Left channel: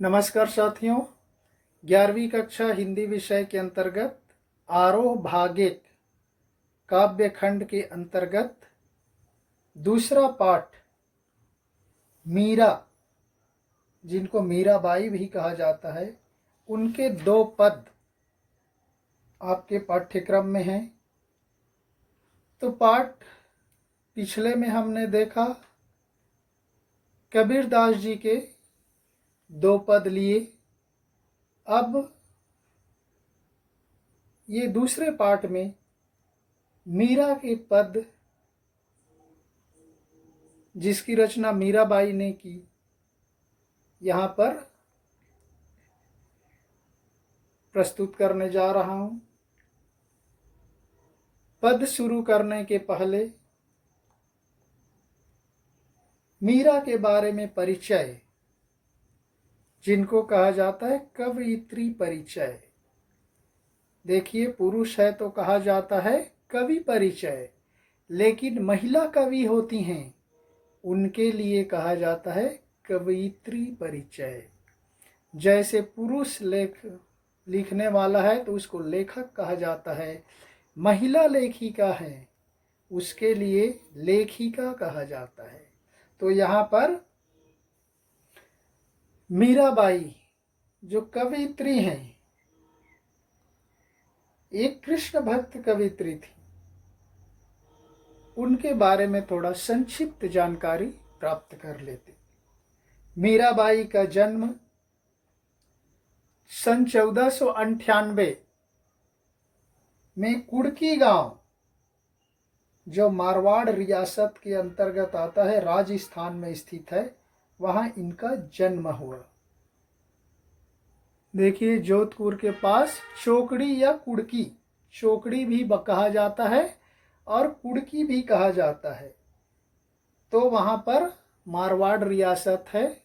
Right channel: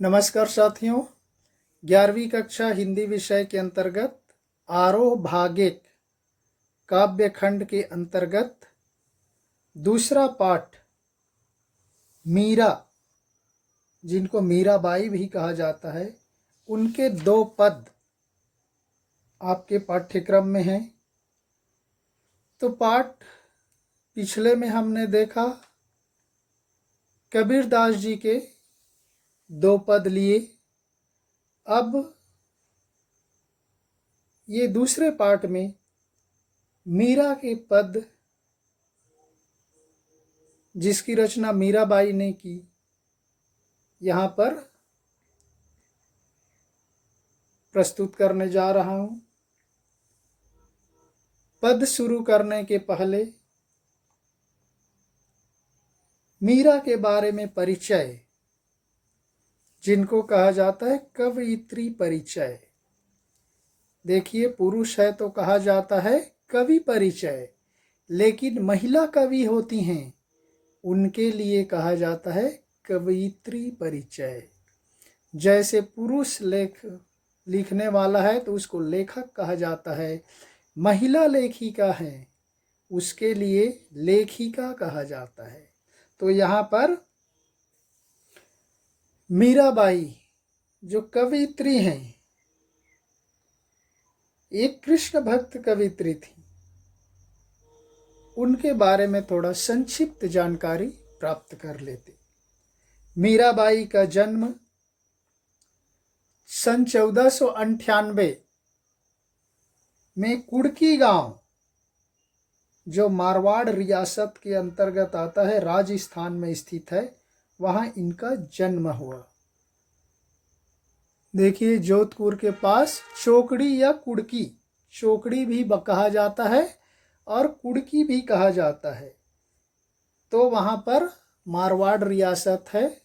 नमस्कार साथियों, 11वीं कक्षा हिंदी विषय के अंतर्गत आरोह भागिक काव्य खंड के अंतर्गत दूसरा पाठ मीरा, जिनको मीराबाई भी कहा जाता है, उनके 2 पद आपके पाठ्यक्रम में हैं। तो पाठ पिछले में हमने देखा कबीरदास जी के 2 पद लिए। अब ये दूसरे पाठ में मीरा के पद, जिसकी रचना मीराबाई ने की, यहाँ पर प्रस्तुत करने जा रहा हूँ। पद शुरू करने के पहले मीरा के बारे में परिचय, जिनको कहा जाता है कवयित्री परिचय। देखिए, पुरुष है तो कहा जाता है कवि परिचय, लेकिन महिला कवि होती हैं, उनके लिए कहा जाता है कवयित्री परिचय। जैसे पुरुष लिखने वाला है तो उसको लेखक कहा जाता है, महिला लेखिका है उसके लिए लेखिका कहा जाता है। तो यहाँ पर मीराबाई जो कवयित्री हैं, एक कृष्ण भक्त कवयित्री थी, उनके बारे में थोड़ा संक्षिप्त जानकारी प्राप्त कर लेते। मीराबाई का जन्म सन 1498 में कुड़की गांव, जो मारवाड़ रियासत के अंतर्गत आता है, राजस्थान में स्थित है, वहां इनका जन्म हुआ। देखिए, जोधपुर के पास चोकड़ी या कुड़की, चोकड़ी भी कहा जाता है और कुड़की भी कहा जाता है। तो वहाँ पर मारवाड़ रियासत है,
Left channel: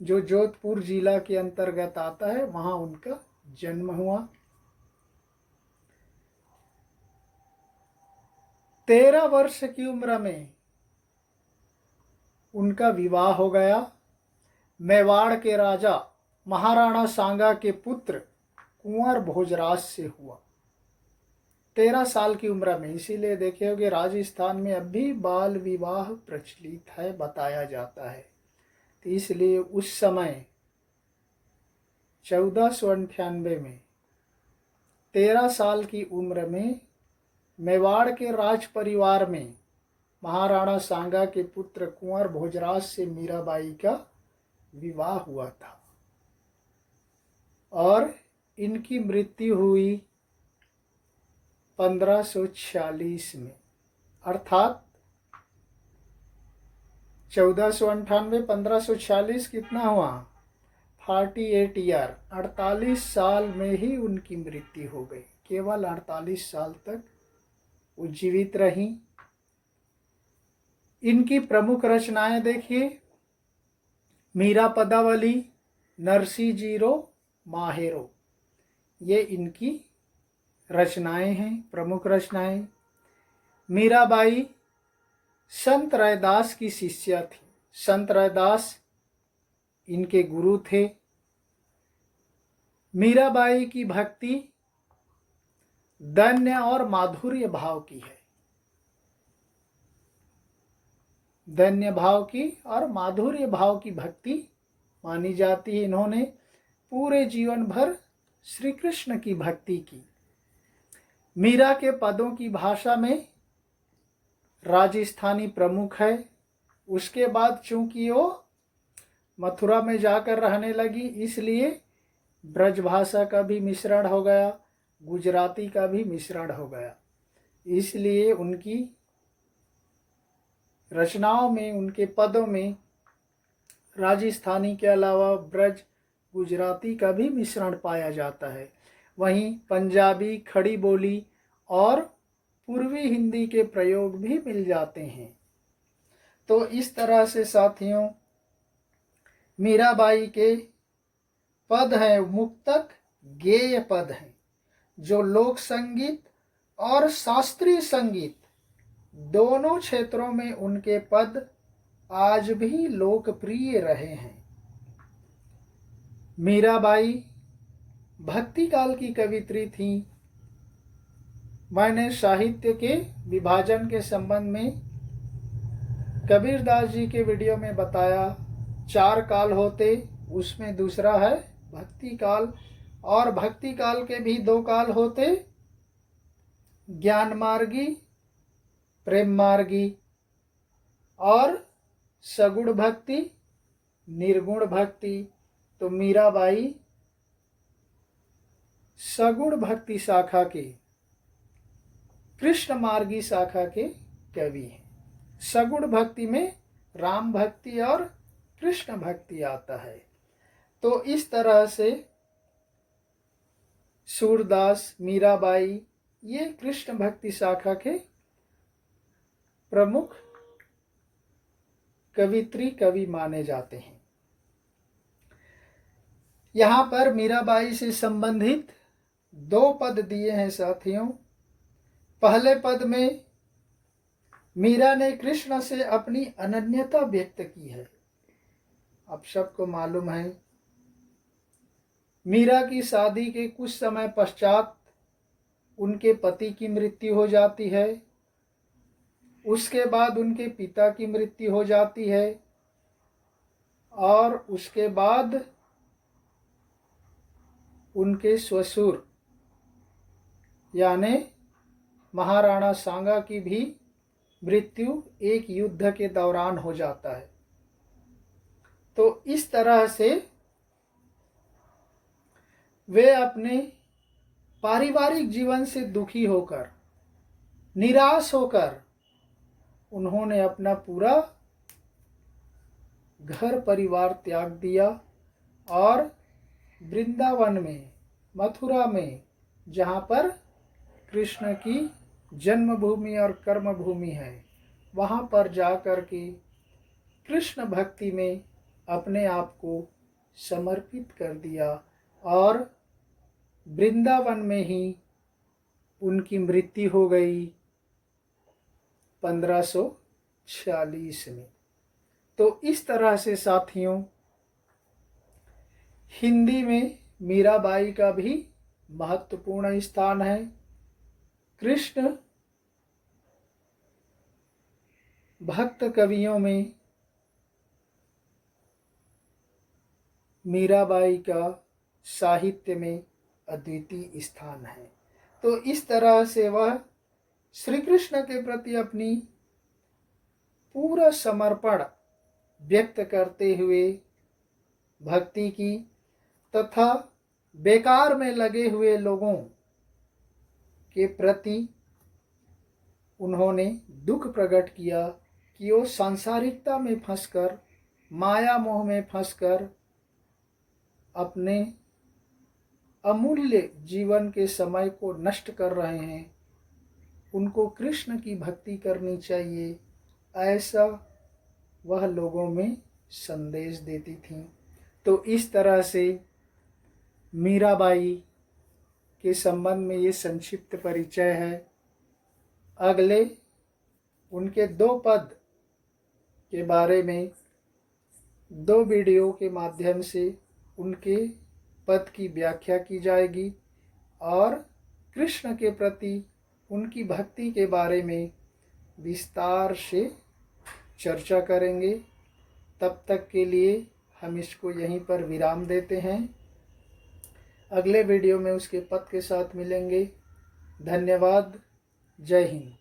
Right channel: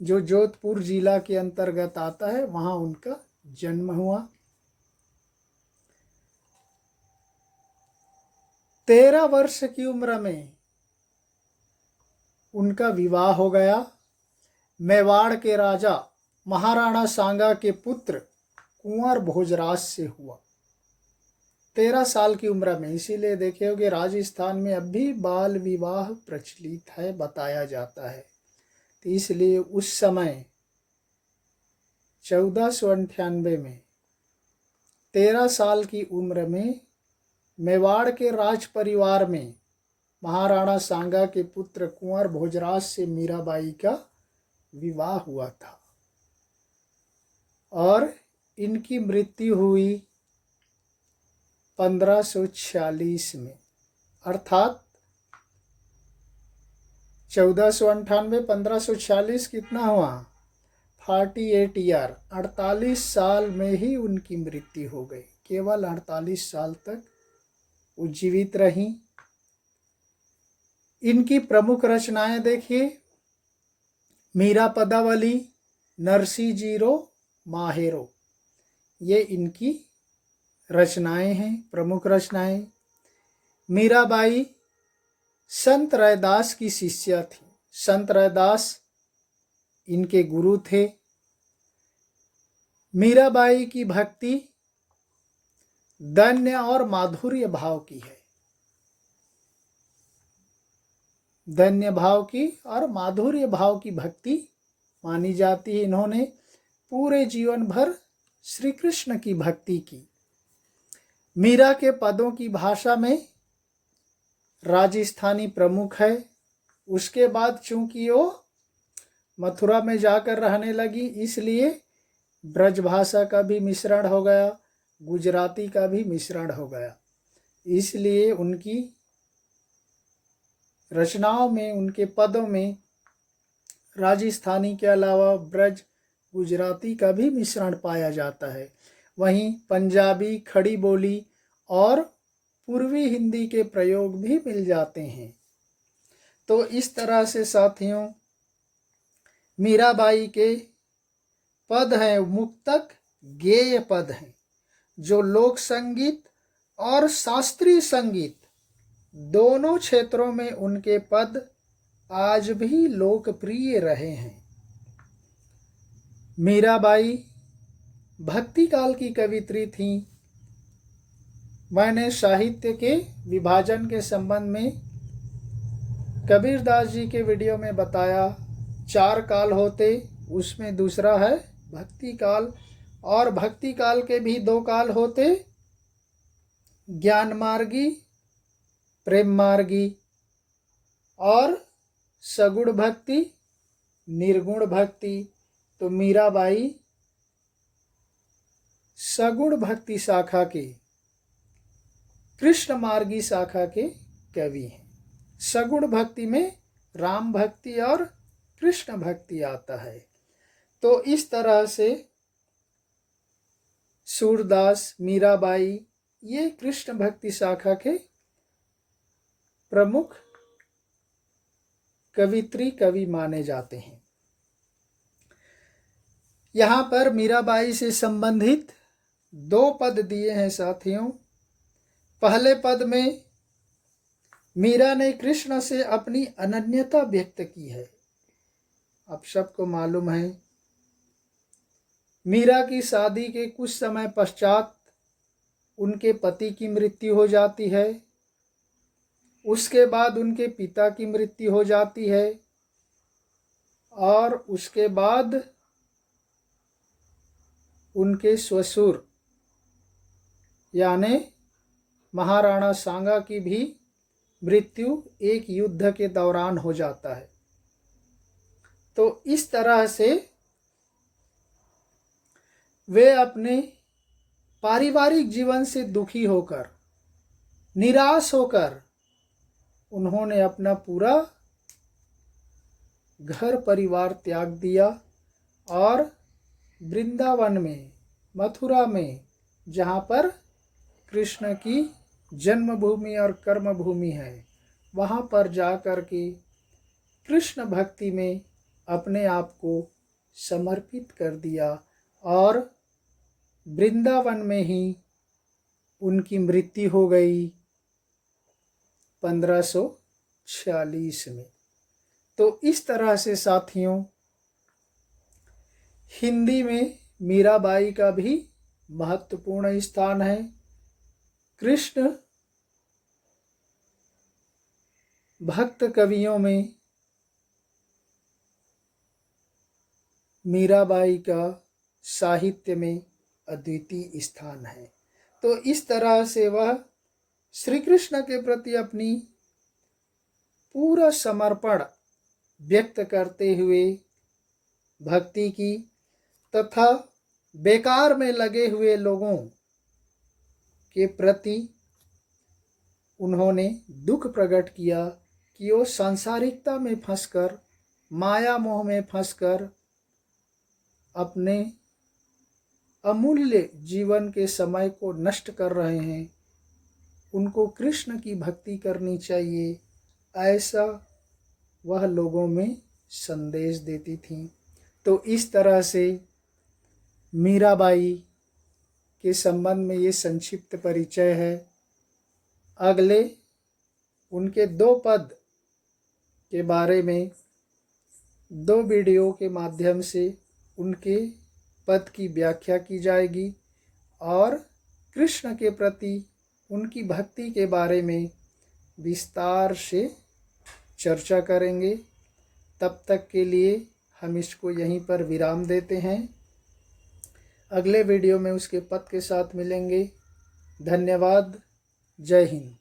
जो जोधपुर जिला के अंतर्गत आता है, वहाँ उनका जन्म हुआ। 13 वर्ष की उम्र में उनका विवाह हो गया। मेवाड़ के राजा महाराणा सांगा के पुत्र कुंवर भोजराज से हुआ 13 साल की उम्र में। इसीलिए देखे होगे राजस्थान में अब भी बाल विवाह प्रचलित है, बताया जाता है। तो इसलिए उस समय 1498 में 13 साल की उम्र में मेवाड़ के राज परिवार में महाराणा सांगा के पुत्र कुंवर भोजराज से मीराबाई का विवाह हुआ था और इनकी मृत्यु हुई 1546 में, अर्थात 1498 1546 कितना हुआ, 48 ईयर, 48 साल में ही उनकी मृत्यु हो गई। केवल 48 साल तक वो जीवित रही। इनकी प्रमुख रचनाएं देखिए, मीरा पदावली, नरसी जीरो, माहेरो, ये इनकी रचनाएं हैं, प्रमुख रचनाएं। मीराबाई संत रैदास की शिष्या थी। संत रैदास इनके गुरु थे। मीराबाई की भक्ति दैन्य और माधुर्य भाव की है, दैन्य भाव की और माधुर्य भाव की भक्ति मानी जाती है। इन्होंने पूरे जीवन भर श्री कृष्ण की भक्ति की। मीरा के पदों की भाषा में राजस्थानी प्रमुख है। उसके बाद चूंकि वो मथुरा में जाकर रहने लगी, इसलिए ब्रज भाषा का भी मिश्रण हो गया, गुजराती का भी मिश्रण हो गया। इसलिए उनकी रचनाओं में, उनके पदों में राजस्थानी के अलावा ब्रज गुजराती का भी मिश्रण पाया जाता है। वहीं पंजाबी, खड़ी बोली और पूर्वी हिंदी के प्रयोग भी मिल जाते हैं। तो इस तरह से साथियों, मीराबाई के पद हैं मुक्तक, गेय पद हैं, जो लोक संगीत और शास्त्रीय संगीत दोनों क्षेत्रों में उनके पद आज भी लोकप्रिय रहे हैं। मीराबाई भक्ति काल की कवित्री थी। मैंने साहित्य के विभाजन के संबंध में कबीरदास जी के वीडियो में बताया 4 काल होते, उसमें दूसरा है भक्ति काल। और भक्ति काल के भी 2 काल होते, ज्ञान मार्गी, प्रेम मार्गी, और सगुण भक्ति, निर्गुण भक्ति। तो मीराबाई सगुण भक्ति शाखा के, कृष्ण मार्गी शाखा के कवि हैं। सगुण भक्ति में राम भक्ति और कृष्ण भक्ति आता है। तो इस तरह से सूरदास, मीराबाई ये कृष्ण भक्ति शाखा के प्रमुख कवित्री कवि माने जाते हैं। यहाँ पर मीराबाई से संबंधित 2 पद दिए हैं साथियों। पहले पद में मीरा ने कृष्ण से अपनी अनन्यता व्यक्त की है। आप सबको मालूम है, मीरा की शादी के कुछ समय पश्चात उनके पति की मृत्यु हो जाती है। उसके बाद उनके पिता की मृत्यु हो जाती है और उसके बाद उनके ससुर यानी महाराणा सांगा की भी मृत्यु एक युद्ध के दौरान हो जाता है। तो इस तरह से वे अपने पारिवारिक जीवन से दुखी होकर, निराश होकर उन्होंने अपना पूरा घर परिवार त्याग दिया और वृंदावन में, मथुरा में, जहाँ पर कृष्ण की जन्मभूमि और कर्मभूमि है, वहाँ पर जाकर के कृष्ण भक्ति में अपने आप को समर्पित कर दिया और वृंदावन में ही उनकी मृत्यु हो गई 1546 में। तो इस तरह से साथियों हिंदी में मीराबाई का भी महत्वपूर्ण स्थान है। कृष्ण भक्त कवियों में मीराबाई का साहित्य में अद्वितीय स्थान है। तो इस तरह से वह श्री कृष्ण के प्रति अपनी पूरा समर्पण व्यक्त करते हुए भक्ति की तथा बेकार में लगे हुए लोगों के प्रति उन्होंने दुख प्रकट किया कि वो सांसारिकता में फंसकर, माया मोह में फंसकर अपने अमूल्य जीवन के समय को नष्ट कर रहे हैं। उनको कृष्ण की भक्ति करनी चाहिए, ऐसा वह लोगों में संदेश देती थी। तो इस तरह से मीराबाई के संबंध में ये संक्षिप्त परिचय है। अगले उनके 2 पद के बारे में 2 वीडियो के माध्यम से उनके पद की व्याख्या की जाएगी और कृष्ण के प्रति उनकी भक्ति के बारे में विस्तार से चर्चा करेंगे। तब तक के लिए हम इसको यहीं पर विराम देते हैं। अगले वीडियो में उसके पद के साथ मिलेंगे। धन्यवाद। जय हिंद।